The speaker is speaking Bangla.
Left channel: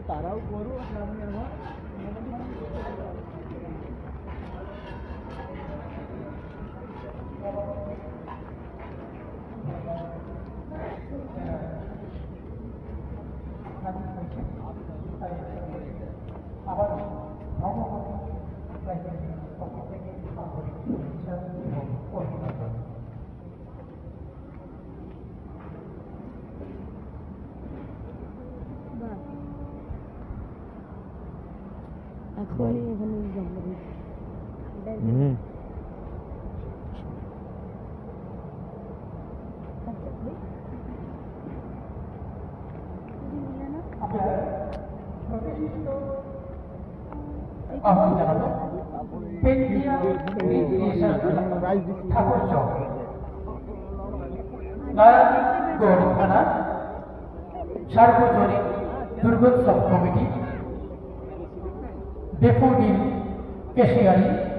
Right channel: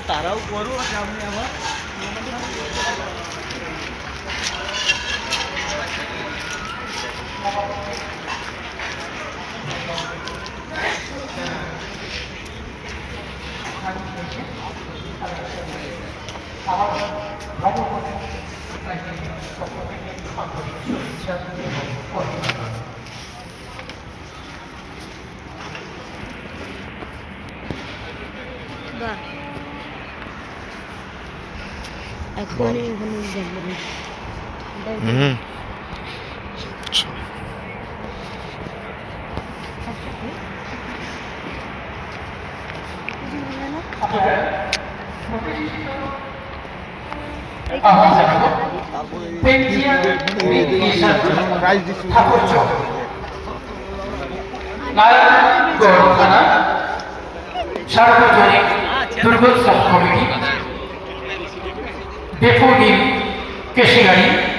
তারাও করো সামনে আমার বাহ এখনই ওখানে যাব। হুম। সার্বজনীন দুর্গোৎসব কমিটি डेपो कैसी गाड़ी?